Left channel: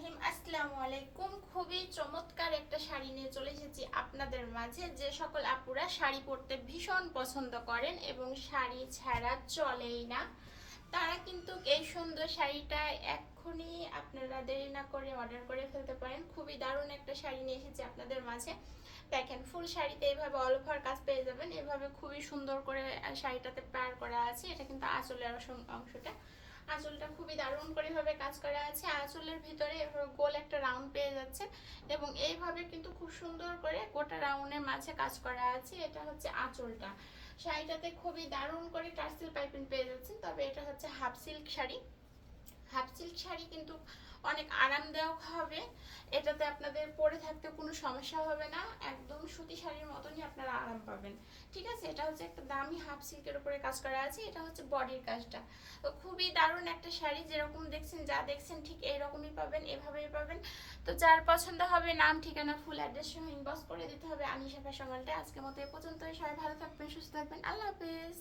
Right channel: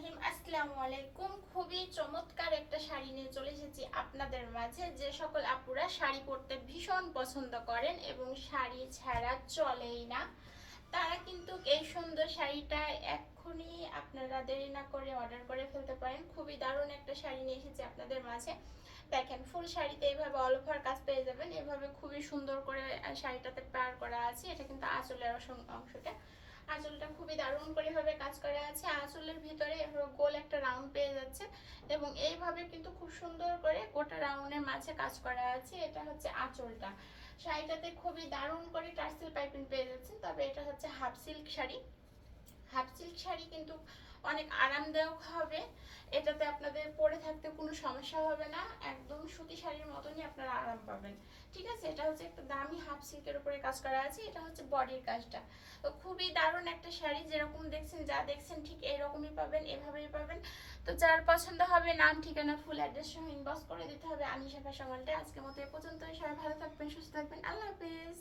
রহিম, আসসালামু আলাইকুম। খুবই চমৎকার একটা শাড়ি নিয়ে চলে এসেছি আপনাদের মাঝে। যে সকল আপুরা শাড়ি পরতে ভীষণ পছন্দ করেন এবং শাড়ি ছাড়া চলেই না, তারা কিন্তু এই সুন্দর শাড়িটা এক্ষুনি আপনারা দেরি না করে অর্ডার করে ফেলতে পারেন। খুবই দারুণ একটা শাড়ি নিয়ে এসেছি আপনাদের মাঝে। দেখেন, ফুল শাড়িতে এইভাবে অল ওভার কাজ পেয়ে যাবেন। এভাবে খুবই সুন্দর করে শাড়িটাতে পার করা আছে। এটা কিন্তু আঁচলের অংশটা, আঁচলটা খুবই দারুণ করে ভাবে কাজ করা আছে। আঁচলের ভিতরে এভাবে গোল একটা রাউন্ড পেয়ে যাচ্ছে এবং এইভাবে কিন্তু খুব সুন্দর করে গোটা রাউন্ডের মাঝে কাজ করা আছে। এটা হচ্ছে আঁচলটা। শাড়িটাতে খুবই দারুণ করে টার্সেল পাইপিং পেয়ে যাচ্ছেন। তবে এটা হচ্ছে half silk sari. Half silk sari কিন্তু অনেক আরামদায়ক হবে। এটাতে আপনাদের পরে থাকতে কোনো সমস্যা হবে না, একদম সুতি শাড়ির মতনই আপনারা আরাম পাবেন। ঠিক আছে, এটা হচ্ছে একটা দামি হাফ সিল্কের উপরে কাজ করা আছে। এটা হচ্ছে বডির কাজটা। তো খুবই দারুণ একটা শাড়ি, যেরকম দেখছেন, যা দেখছেন ঠিক এরকমই পাবেন, এভাবেই পাবেন। তো যার পছন্দ হবে নাম, ঠিকানা, ফুল অ্যাড্রেস সহ ইনবক্স করে দিতে হবে আনিশা ফ্যাশন ওয়ার্ল্ডে। আজকের মতো এ পর্যন্তই। সবাই ভালো থাকবেন, সুস্থ থাকবেন। আল্লাহ হাফেজ।